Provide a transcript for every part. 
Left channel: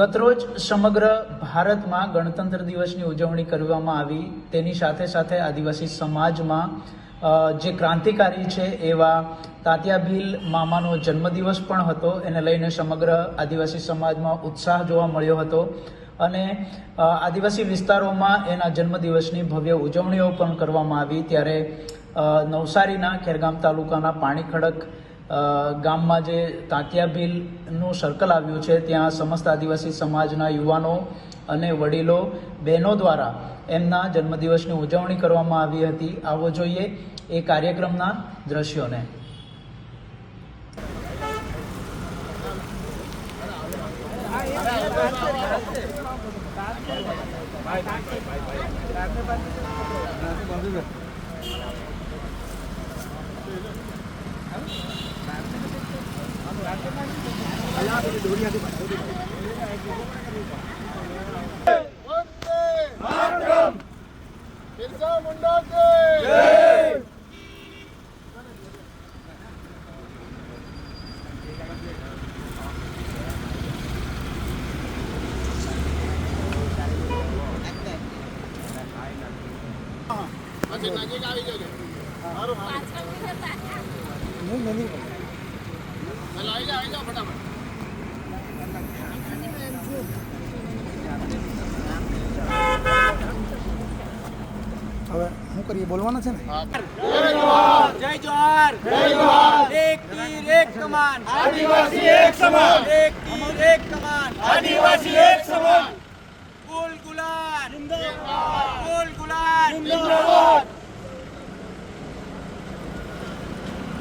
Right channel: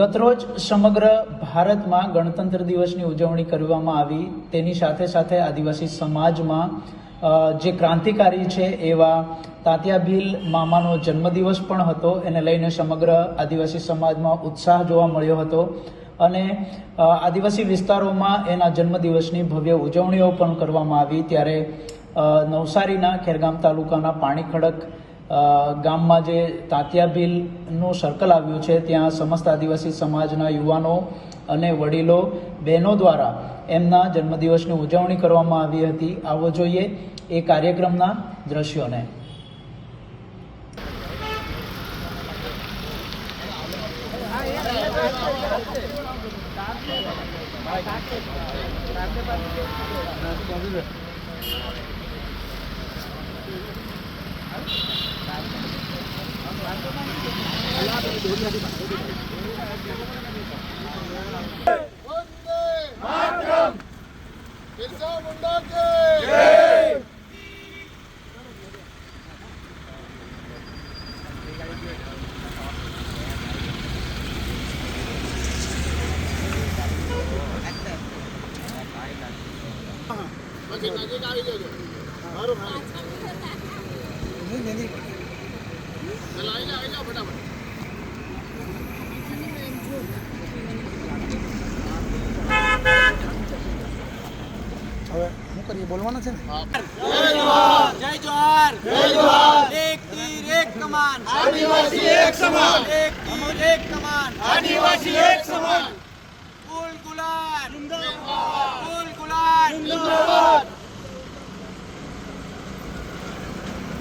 ગતરોજ સમગ્ર ભારતમાં ગણતંત્ર દિવસની ઉજવણી કરવામાં આવી. તેની સાથે સાથે આદિવાસી સમાજમાં જે ક્રાંતિકારી છે એવા તાત્યા ભીલ મામાનો જન્મદિવસ પણ હતો. એને લઈને સમગ્ર આદિવાસી સમાજમાં ઉત્સાહ જોવા મળ્યો હતો. અને આદિવાસી વિસ્તારોમાં એના જન્મદિવસની ભવ્ય ઉજવણીઓ પણ કરવામાં આવી. ત્યારે નવસારીના ખેરગામ તાલુકાના પાણી ખડક અ, ગામમાં જે તાંતિયા ભીલનું સર્કલ આવ્યું છે, ત્યાં સમસ્ત આદિવાસી સમાજના યુવાનો અને વડીલો બહેનો દ્વારા એમના જન્મદિવસની ઉજવણી કરવામાં આવી હતી આવો જોઈએ એ કાર્યક્રમના દ્રશ્યોને Ini, ini, ini. હવે શું કરીએ? બોલવાનું છે ને? જય જોહર જય જોહર એક તીર એક કમાન. આદિવાસી એક સમાન. એક તીર એક કમાન. આદિવાસી એક સમાન. કુલ ગુલાન કુલ ગુલાન જિંદાબાદ.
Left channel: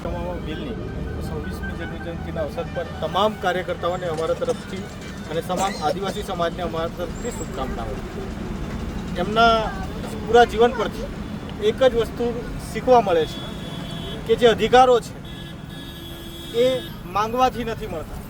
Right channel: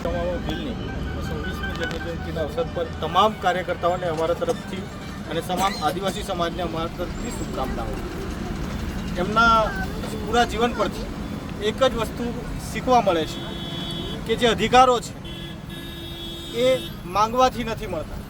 તમામ બિલની. જન્મજયંતિના અવસર પર તમામ કાર્યકર્તાઓને અમારા તરફથી અને તમામ આદિવાસી સમાજને અમારા તરફથી શુભકામનાઓ. એમના પૂરા જીવન પરથી એક જ વસ્તુ શીખવા મળે છે કે જે અધિકારો છે એ માંગવાથી નથી મળતા.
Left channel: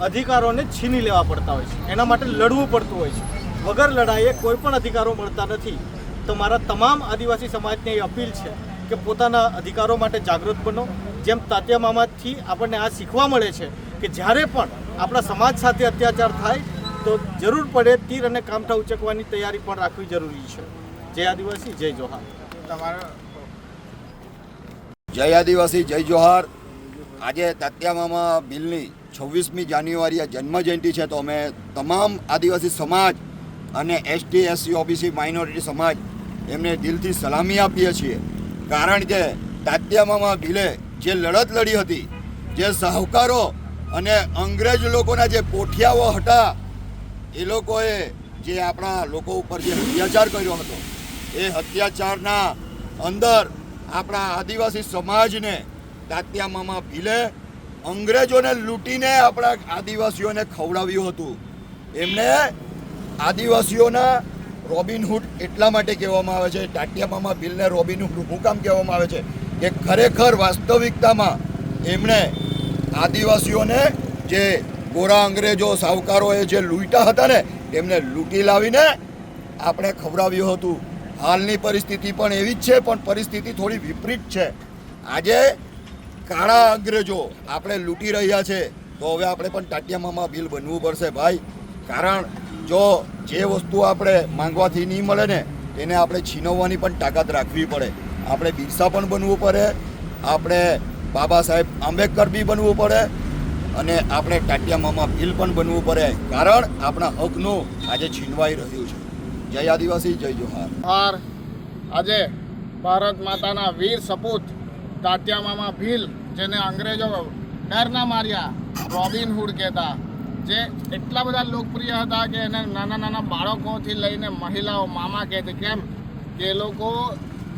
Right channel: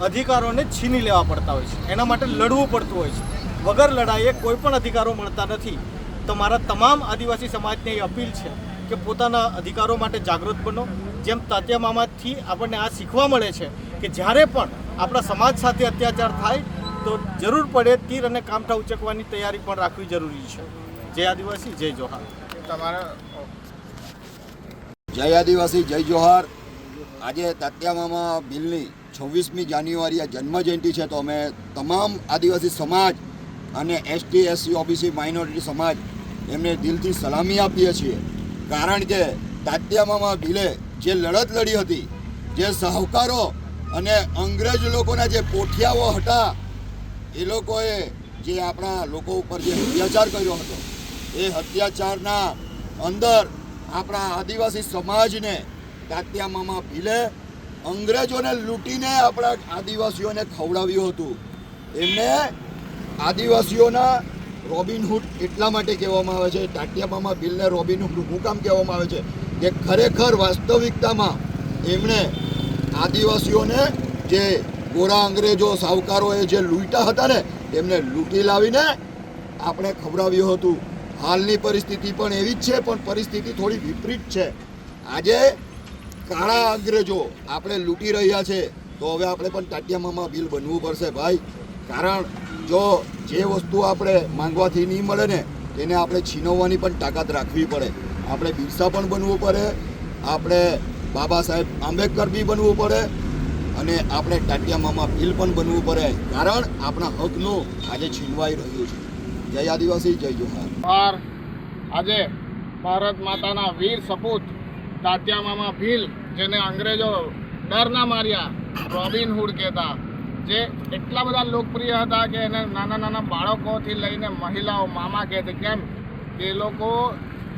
અધિકારોને છીની લેવા પડતા હોય છે. એના માટે લડવું પડતું હોય છે. વગર લડાઈએ કોઈ પણ અધિકારો મળતા નથી. તો મારા તમામ આદિવાસી સમાજને એ અપીલ છે કે પોતાના અધિકારો માટે જાગૃત બનો. જેમ તાત્યા મામાથી આપણને આ શીખવા મળે છે કે જ્યારે પણ આપણા સમાજ સાથે અત્યાચાર થાય તો જરૂર પડે તીર અને કામઠા ઉચકવાની તૈયારી પણ રાખવી જરૂરી છે. જય આદિવાસી જય જોહાર. તમારે જય આદિવાસી જય જોહાર. આજે તાત્યા મામા બિલની છવ્વીસમી જાન્યુઆરી આ જન્મ જયંતિ છે તો અમે તમામ આદિવાસી સમાજ અને એસટી એસસી ઓબીસી માઇનોરિટી સમાજ એમને દિલથી સલામી આપીએ છીએ. કારણ કે તાત્યામામા ભીલે જે લડત લડી હતી, જે સાહુકારો અને અંગ્રેજ લોકોના જે પોઠિયાઓ હતા, એ લોકોએ જે આપણા લોકો ઉપર જે અત્યાચાર કર્યો હતો, એ અત્યાચારના અંદર આપણા આદિવાસી સમાજને તાત્યામામા ભીલે અંગ્રેજોને લૂંટીને આપણા આદિવાસીઓને ખવડાવ્યું હતું. એમને આદિવાસીઓના રોબિનહૂડ એટલા માટે કહેવામાં આવે છે તાત્યા બિલને રોબિનહૂડ હું કહેવામાં આવે છે, કે ખરેખર વાસ્તવિકતામાં એમણે આદિવાસીઓને જે ગોરા અંગ્રેજો સાહુકારોએ જે લૂંટા હતા ને, એમને લૂંટી લાવીને આપણે ખવડાવ્યું હતું. હાલની પરિસ્થિતિ પણ એવી જ છે, પણ પરિસ્થિતિ થોડી વિપરીત છે. આજે કાળા અંગ્રેજો આપણે લૂંટી રહ્યા છે, તો હવે આપણે પણ ટાટિયામામાં બિલ બનવું પડશે. ભાઈ, કારણ જો જે વસ્તુ આપણે માંગવાથી નહીં મળે ને, તેને આપણે છીનવવાની પણ તાકાત રાખવી પડે. આપણે બિરસા પણ બનવું પડે, આપણે બાબા સાહેબ આંબેડકર બી બનવું પડે, અને આપણે ટાટિયા મામા બિલ પણ બનવું પડે. કારણ આપણા હકનું આજે છીનવાઈ રહ્યું છે. જય આદિવાસી, જય જોહાર. આજે ભારત માતાના વીર સપૂત તાત્યા મામા ભીલ, જેને અંગ્રેજો ડર ના માર્યા, રોબિન હુડ કહેતા. જે એટલા બધા લોકપ્રિય હતા કે એને નાના નાના બાળકોથી લઈને મહિલાઓ, મામા કહેતી કેમ? કે એ લોકો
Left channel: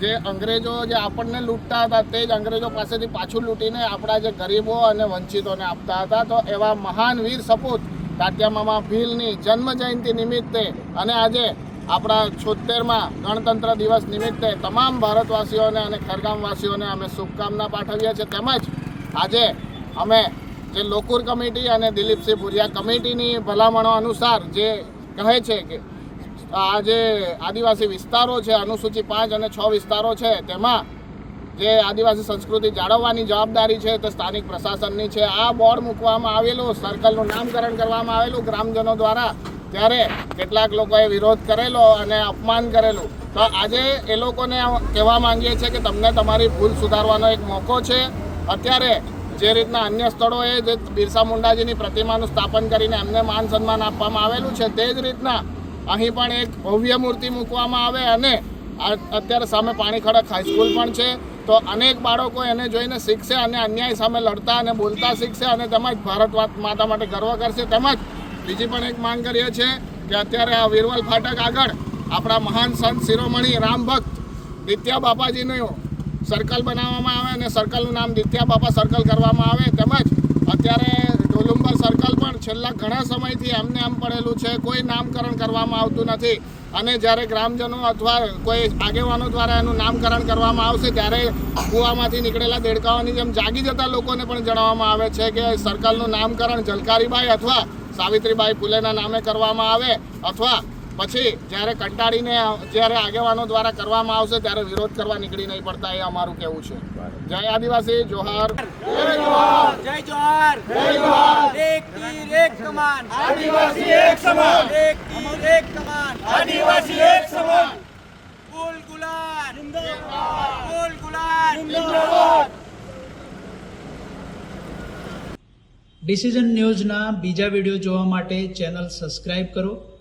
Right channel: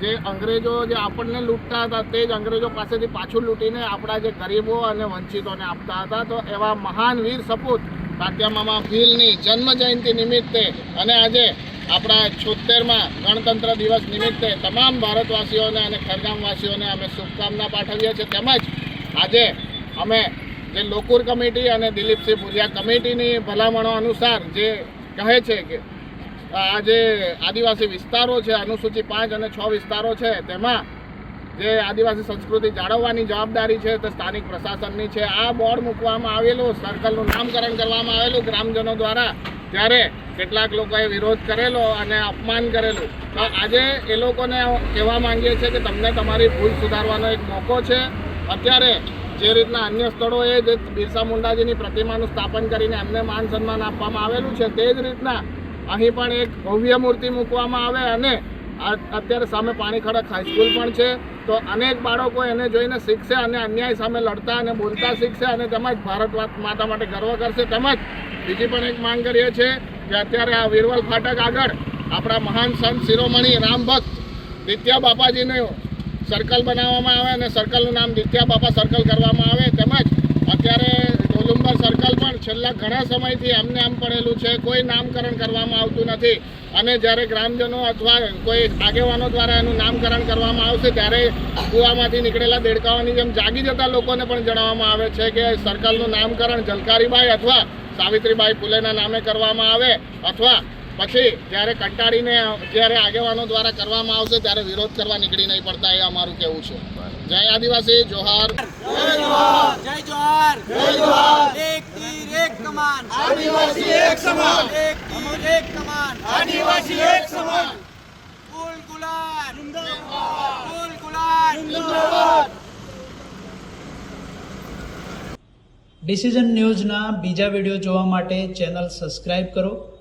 જે અંગ્રેજો જે આપણને લૂંટતા હતા તે જ અંગ્રેજો પાસેથી પાછું લૂંટીને આપણા જે ગરીબો અને વંચિતોને આપતા હતા. તો એવા મહાન વીર સપૂત તાત્યા મામા ભીલની જન્મ જયંતિ નિમિત્તે અને આજે આપણા છોતેરમાં ગણતંત્ર દિવસ નિમિત્તે તમામ ભારતવાસીઓને અને ખરગામવાસીઓને અમે શુભકામના પાઠવીએ છીએ. તેમજ આજે અમે જે લોકુર કમિટી અને દિલીપસિંહ ભુરિયા કમિટીની ભલામણો અનુસાર જે કહે છે કે આ જે આદિવાસી વિસ્તારો છે, અનુસૂચિ પાંચ અને છ વિસ્તારો છે, તેમાં જે આદિવાસી સંસ્કૃતિ જાળવવાની જવાબદારી છે તે સ્થાનિક પ્રશાસનની છે. આ બોર્ડ મૂકવામાં આવેલું, સર્કલનું નામકરણ કરવામાં આવેલું ગ્રામજનો દ્વારા. ત્યારે કેટલાક લોકોએ વિરોધ કરેલો અને અપમાન કરેલું. તો આજે એ લોકોને કહેવા માંગીએ છીએ કે તમને તમારી ભૂલ સુધારવાનો એક મોકો છે. અત્યારે જે રીતના અન્ય સ્થળોએ જે બિરસા મુંડાજીની પ્રતિમાનું સ્થાપન કરીને એમને માન સન્માન આપવામાં આવેલું છે, તે જ રીતના અહીં પણ એક ભવ્ય મૂર્તિ મૂકવામાં આવે અને અત્યારે સામે પાણી ખડક હાઈસ્કૂલ પણ છે. તો અનેક બાળકો એને જોઈને શીખશે અને અન્યાય સામે લડતા અને બોલતા શીખશે અને તેમજ ભારત માતા માટે ગર્વ કરશે. તેમજ બીજી પણ એક માંગ કરીએ છીએ કે અત્યારે આ વીરવલ ફાટક આગળ આપણા મહાન સંત શિરોમણી રામ ભક્ત દિત્યા બાપાજીનું સર્કલ બનાવવામાં આવે અને સર્કલનું નામ દિત્યા બાપા સર્કલ કરવામાં આવે તેમજ અત્યારે ડોલુંબર સર્કલ પણ છેલ્લા ઘણા સમયથી એમને આમ પડેલું છે, કોઈ નામકરણ કરવામાં આવતું નથી. અને જ્યારે ગ્રામજનો અથવા કોઈ આગેવાનો દ્વારા એનું નામકરણ કરવામાં આવશે, ત્યારે કૂવામાંથી નીકળેલા દેડકાઓની જેમ જાગી જતા લોકોને પણ જણાવવામાં આવે છે કે સર્કલનું નામકરણ જલકારીબાઈ અથવા સાવિત્રીબાઈ ફૂલેના નામે કરવામાં આવે અથવા પછી જ્યારે કંટાળીને જ્યારે આગેવાનો દ્વારા કરવામાં આવશે ત્યારે વિરોધ કરવા નીકળી નહીં પડતા એ અમારું કહેવું છે. જય આદિવાસી જોહાર. જય જોહાર. જય જોહાર. એક તીર એક કમાન. આદિવાસી એક સમાન. એક કમાન. આદિવાસી એક સમાન. ફૂલ ગુલાલ. જિંદાબાદ. ફૂલ ગુલાલ. જિંદાબાદ. ડિસિઝન ન્યૂઝના બીજા વીડિયો જોવા માટે ચેનલ સબસ્ક્રાઇબ કરો.